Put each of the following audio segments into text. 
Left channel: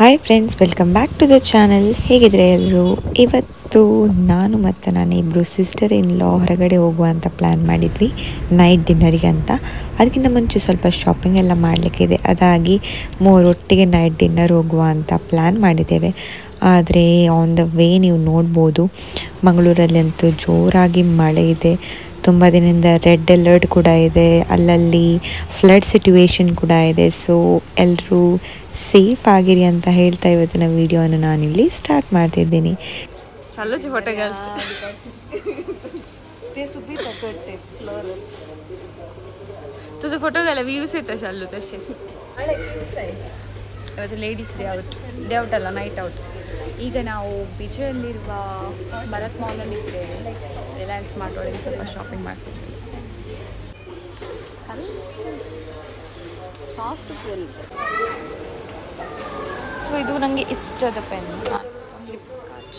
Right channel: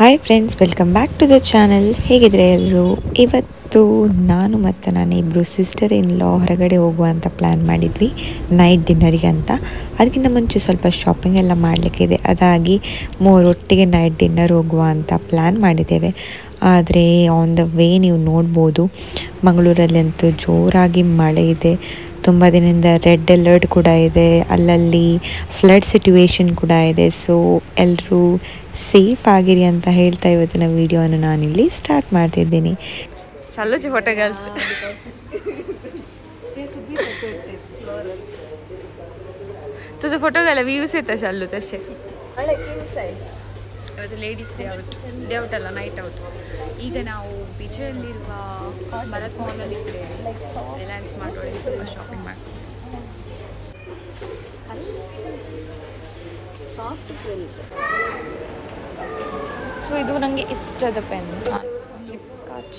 Hi friends, welcome back to the channel. ಹೇಗಿದ್ರೆ ಎಲ್ಲರೂ? ಇವತ್ತು ನಾನು ಮತ್ತು ನಾನಿಬ್ಬರು ಸಿಸ್ಟರ್ ಇನ್ ಲಾ ಹೊರಗಡೆ ಹೋಗುವಂಥ ಪ್ಲ್ಯಾನ್ ಮಾಡಿದ್ವಿ ನೈಟ್ ಡಿನ್ನರಿಗೆ ಅಂತ. ಅದಕ್ಕಿಂತ ಮುಂಚೆ ಸ್ವಲ್ಪ ಶಾಪಿಂಗ್ ಎಲ್ಲ ಮಾಡಲಿಕ್ಕಿದೆ, ಅದಾಗಿ ಮೂರೊಟ್ಟಿಗೆ ನೈಟ್ ಡಿನ್ನರ್ ಹೋಗುವ ಅಂತ ಪ್ಲ್ಯಾನ್ ಮಾಡಿದ್ದೇವೆ. ಆದರೆ ಆನ್ ದ ವೇ ನೀವು ನೋಡ್ಬೋದು, ಮಂಗಳೂರಲ್ಲಂತೂ ಜೋರಾಗಿ ಮಳೆ ಇದೆ. ತುಂಬ ದಿನದಿಂದ ರೆಡ್ ಅಲರ್ಟ್ ಕೂಡ ಇದೆ, ಅಲ್ಲಲ್ಲಿ ಫ್ಲಡ್ ಸಿಚುವೇಶನ್ ಕೂಡ ಇದೆ. ಸೊ ಎಲ್ಲರೂ ಸೇಫ್ ಆಗಿರಿ ಅಂತ ಹೇಳ್ತಾ ಇವತ್ತಿನ ವಿಡಿಯೋನ ನಾನಿಲ್ಲಿ ಸ್ಟಾರ್ಟ್ ಮಾಡ್ತಿದ್ದೀನಿ. तुझं फोटो घ्यायला व्ह्यूज येतं शालू तसे. ಇವತ್ತು ಲೇಡೀಸ್ ಡೇ ಔಟ್ ಅಲ್ಲ, ನೈಟ್ ಔಟ್. ಈಗ ನಾವು ಬಿಜೆಯಲ್ಲಿರುವ ಭರತ್ ಮಾಲಲ್ಲಿ ಇದ್ದೇವೆ. ರಿಲಯನ್ಸ್ ಮಾರ್ಟ್ ಒಳಗೆ ಸ್ವಲ್ಪ ಶಾಪಿಂಗ್ ಮಾಡ್ತಿದ್ದೇವೆ. ಸೊ ಇದು ನನಗೆ ಇಷ್ಟದ ಪೆನ್, ಫ್ಲಿಪ್ಕಾರ್ಟ್.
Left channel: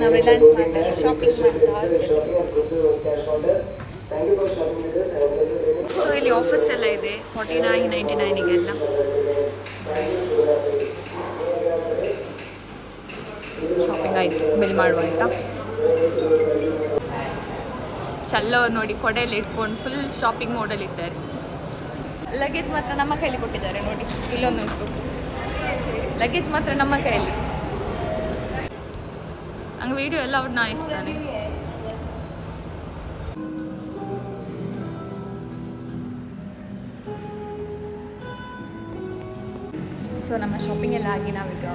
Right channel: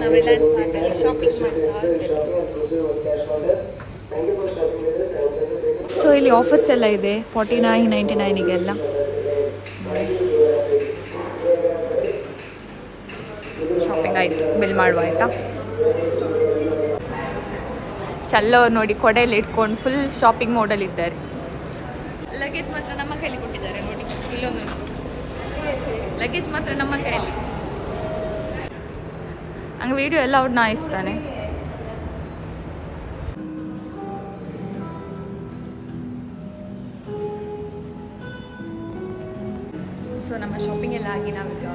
ನಾವು ರಿಲಯನ್ಸ್ ಮಾರ್ಟಲ್ಲಿ ಶಾಪಿಂಗ್ ಮಾಡ್ತಾ ಇದ್ದೇವೆ. ಸೊ ಇಲ್ಲಿ ಆಫರ್ಸ್ ಎಲ್ಲ ಇದೆ, 49.99 ಶಾಪಿಂಗ್ ಆಯಿತು, ಬಿಲ್ ಮಾಡುವ ಆಯಿತಾ. ಶಲ್ಲವ್ರು ನೋಡಿ ಕೊಡೆಯಲ್ಲಿ ಇಟ್ಕೊಂಡು ಫುಲ್ ಶಾಪಿಂಗ್ ಮೋಡಲ್ಲಿ ಇದ್ದಾರೆ. ಲಗೇಜ್ ಮಾತ್ರ ನಮ್ಮ ಕೈಯಲ್ಲಿ ಕೊಟ್ಟಿದ್ದಾರೆ ನೋಡಿ, ಇಲ್ಲೊಂದುಂಟು ಲಗೇಜ್ ಮಾತ್ರ ನಮ್ಮ ಕೈಯಲ್ಲಿ. ಹಂಗೆ ವಿಡಿಯೋ ಎಲ್ಲ ಅವ್ರು ನಾಯಿಸ್ತಾನೆ. ಸೊ ನಮ್ಮ ಶಾಪಿಂಗ್ ಎಲ್ಲ ಆಗಿ ನಾವೀಗ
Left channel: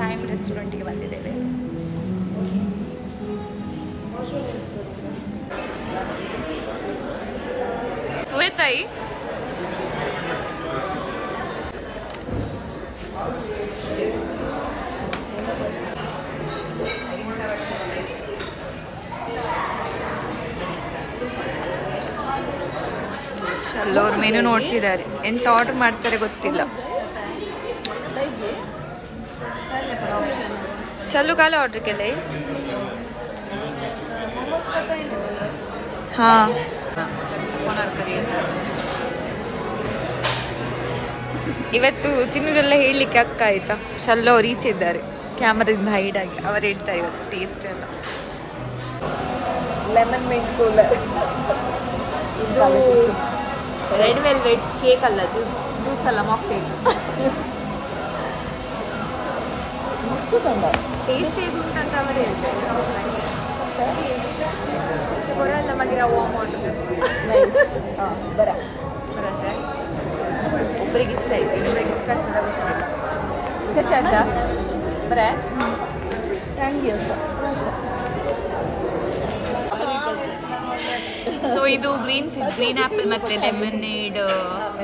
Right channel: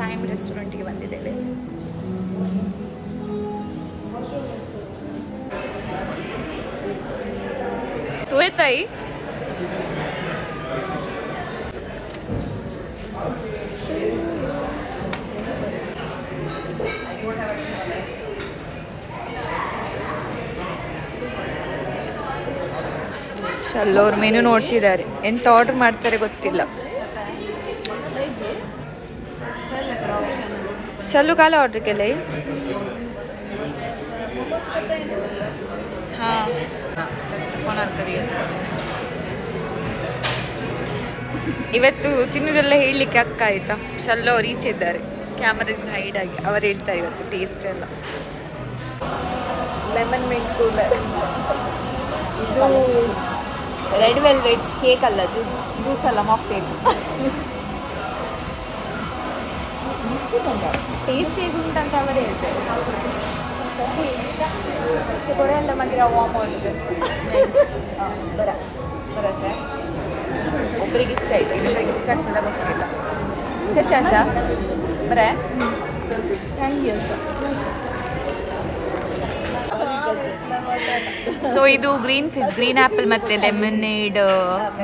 ಟೈಮ್ ರೆಸ್ಟೋರೆಂಟಿಗೆ ಬಂದಿದ್ದೇವೆ. ತುವೆ ತಾಯಿ ಶಲ್ಲೋರ್ ಮೆನು ನೋಡ್ತಿದ್ದಾರೆ, ಎಂತ ಆರ್ಡರ್ ಮಾಡ್ತಾರೆ ಗೊತ್ತಿಲ್ಲ. शल्लू काला ऑर्डर केले. हाँ ಇವತ್ತು ತಿನ್ನೋದೆಲ್ಲ ಹೇಳಲಿಕ್ಕೆ ಅಕ್ಕ ಆಯ್ತಾ. ಶಲ್ಲು ಅವ್ರು ಈಚೆ ಇದ್ದಾರೆ, ಕ್ಯಾಮರಾದಿಂದ ಹೈಡ್ ಆಗಿ. ಅವ್ರು ಹೇಳ್ತಾರೆ ಇವತ್ತು ಟೇಸ್ಟ್ ಎಲ್ಲ. ಲೆಮನ್ ಮಿಂಟ್ ಕೂಲರ್, ಇದು ರೆಡ್ ವೆಲ್ವೆಟ್ ಕೇಕ್ ಅಲ್ಲ, ಜ್ಯೂಸ್ ಅಲ್ಲ, ಮಾಕ್ಟೇಲ್. ಟೇಸ್ಟ್ ಹೇಗುಂಟಂತ ಅವರು ಹೇಳ್ತಾರೆ. ಬರೋಲ್ಲ ಮಗಿರ ವಾಮ್ ಬರತ್ತೆ. ಒಬ್ಬರಿಗೆ ಇಷ್ಟ ಆಯ್ತು, ಇನ್ನೊಬ್ಬರಿಗೆ ಇಷ್ಟ ಆಗ್ತದೆ ಗೊತ್ತಿಲ್ಲ. ಬರೇ ಸೊ ಇದು ಗ್ರೀನ್ ಆ್ಯಪಲ್ ಮತ್ತು ಲೆಮನೇಡ್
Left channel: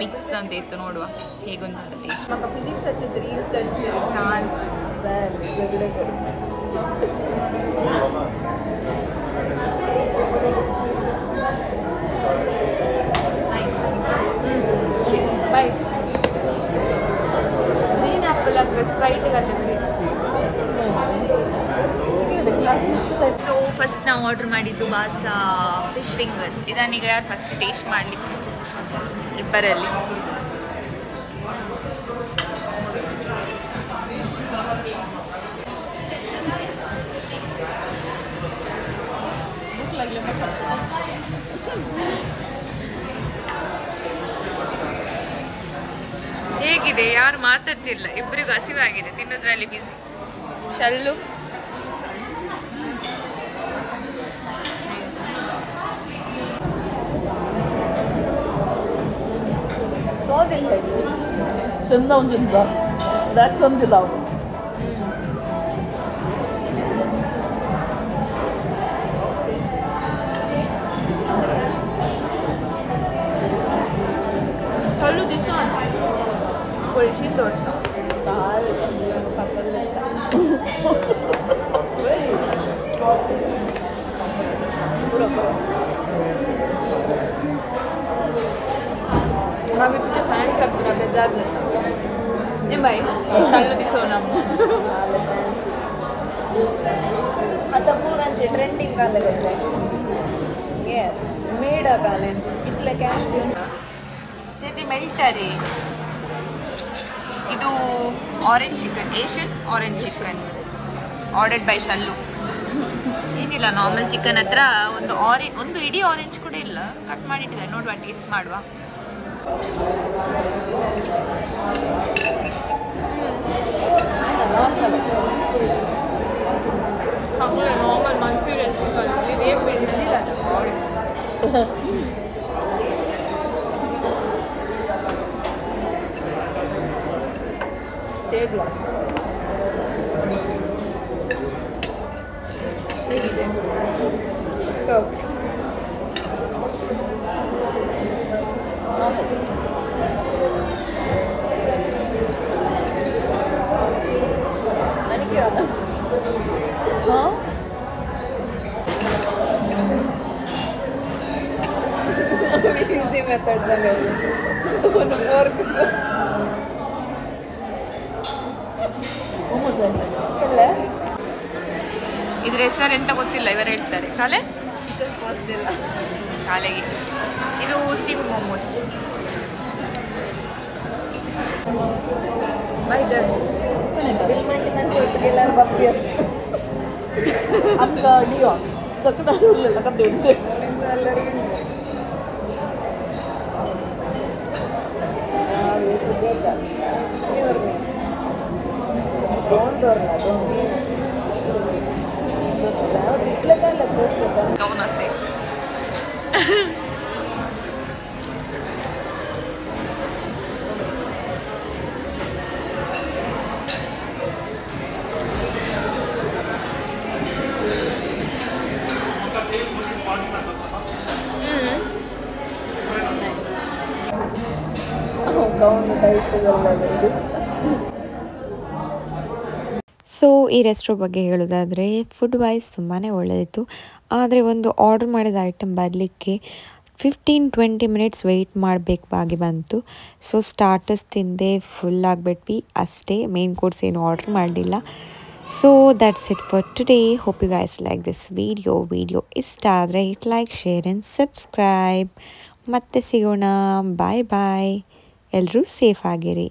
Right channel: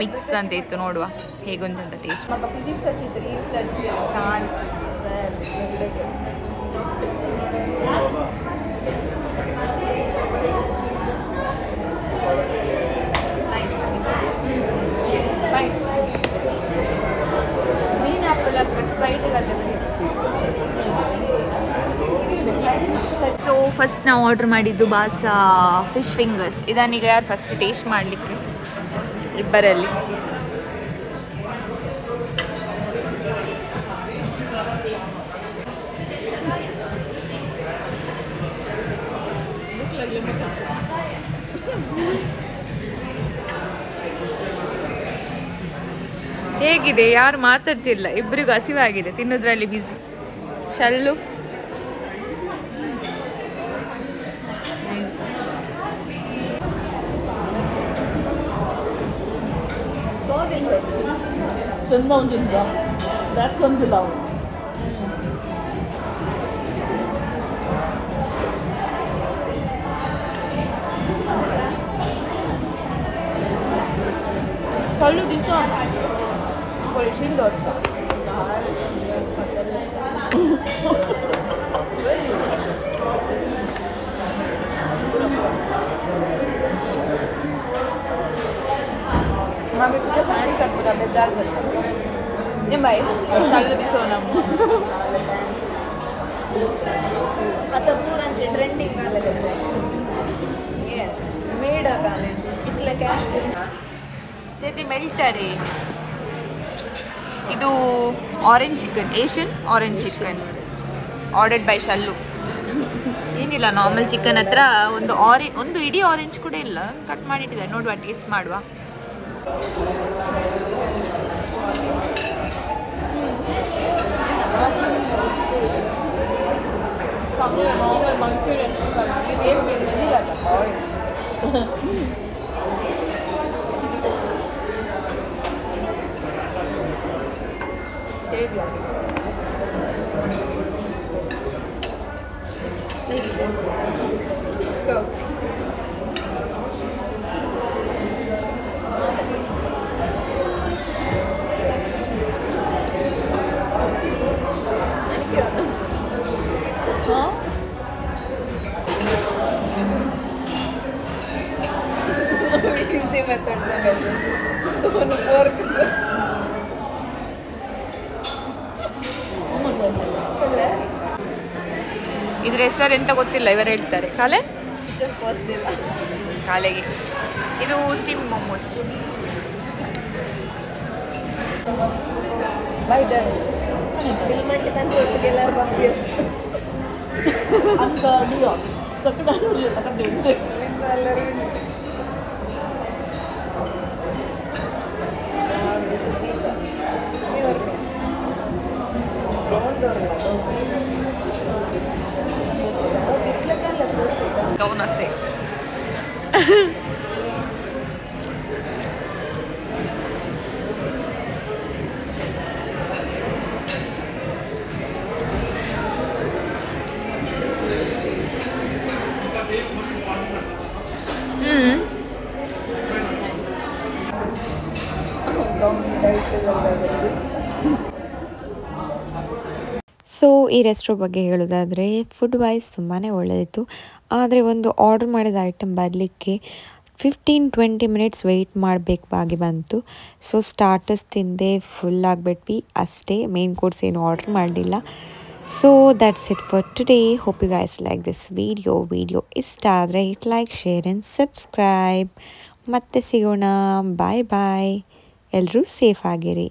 ಮಿಕ್ಸ್ ಅಂತ ಇತ್ತು. ನೋಡುವ ಹೇಗುಂಟಂತ ಟೇಸ್ಟ್. ಮಗ ಫಿಸಿಕ್ಸ್ ಹಚ್ಚಿದ್ರಿ ಸಾನ್ ಬೈ. ಗ್ರೀನ್ ಆ್ಯಪಲ್ ಅಥವಾ ಸ್ಪ್ರೈಟ್ಗಲ್ಲೇ ಬರೀ. ಸೊ ಫಸ್ಟ್ ನಾವು ಆರ್ಡರ್ ಮಾಡಿದ್ದು ಬಾಸಾ ಫಿಶ್ ಫಿಂಗರ್ಸ್. ಇದನ್ನೀಗ ಯಾರು ಫಸ್ಟ್ ಟೇಸ್ಟ್ ಮಾಡಲಿಕ್ಕೆ ಇಬ್ಬರಲ್ಲಿ. ಹೇಗಿದೆ? ಯಾರು ಮಾತಾಡ್ತಿಲ್ಲ, ಇಬ್ಬರಿಗೂ ಹಸಿವಾಗಿದೆ, ತಿನ್ನೋದ್ರಲ್ಲಿ ಬಿಸಿ. ಶಲ್ಲು Kalau di sana, polisi dorong. मागे तुझ्या फॅन्स आहेत पुरा बेजार जातात ये बाई चाललं दिसो ना आता पोरांचे ट्रेंडिंग आलं त्याचं हे मेड घालेन इतलं कॅश घेऊन ते ಮೆಲ್ಟರಿ ಇದು orange chicken Asian orange chicken ordered by ಶಲ್ಲು ಏನಿಲ್ಲ ನಾರ್ಮಲ್ ಚಿಕನ್ ಹತ್ರ ಒಂದು ಇಡೀ ಆರೆಂಜ್ ಕೂಡ ಇಲ್ಲ ಕಟ್ ಮಾಡಿಟ್ಟಿದ್ದಾರೆ ನೋಡುವ ಟೇಸ್ಟ್ ಮಾಡುವ ನಾರ್ಮಲ್ ಮಂಚೂರಿಯನ್ ಚಿಕನ್ ಇದೇನು ಬಿಡಲಿಲ್ಲ ಹೇಗಿದೆ easy method sangatı. Onu korkuttu. ಇದ್ರ ಹೆಸರು ಎಂತ ಗೊತ್ತಿಲ್ಲ ಇವರು ಹೇಳ್ತಾರೆ ಕಾಲೆ ಚಿಕನ್ ಕಾಸ್ಟ್ ಇಲ್ಲ ಕಾಲೆಗೆ ಇದು steam momos by the bill ಮಾಡಿ ತಂದು ಒಟ್ಟಿಗೆ ಎಲ್ಲರೂ ಬರ್ತೀವಿ ಅಂತ ಅಡಿಯೋ ಎಲ್ಲರಿಗೂ ಬೇಕಾ ಇವ್ರನ್ನ ಡೋಂಟ್ ಗೌನ ಸೇ ಗೌನ್ ಟೈಟ್ ಎಲ್ಲ ಸೊ ಈ ರೆಸ್ಟೋರೆಂಟ್ ಬಗ್ಗೆ ಹೇಳೋದಾದರೆ ಫುಡ್ ವೈಸ್ ತುಂಬಾ ಒಳ್ಳೆಯದಿತ್ತು ಆದರೆ ಒಂದು ಆರ್ಡರ್ ಮಾಡಿದ ಐಟಮ್ ಬರಲಿಕ್ಕೆ 15-20 ಮಿನಿಟ್ಸ್ ವೆಯ್ಟ್ ಮಾಡಬೇಕಾಗಿ ಬಂತು ಸೊ ಸ್ಟಾರ್ಟರ್ಸ್ ತಿಂದೆ ಫುಲ್ ಆಗಿಬಿಟ್ವಿ ಅಷ್ಟೇ ಮೇನ್ ಕೋರ್ಸ್ ಏನು ಆರ್ಡರ್ ಮಾಡಲಿಲ್ಲ so that's it for today hope you guys like this video ಇಷ್ಟ ಆದರೆ it like share and subscribe ಮತ್ತೆ ಸಿಗೋಣ ಬಾಯ್ ಎಲ್ಲರೂ ಸೇಫ್ ಆಗಿರಿ.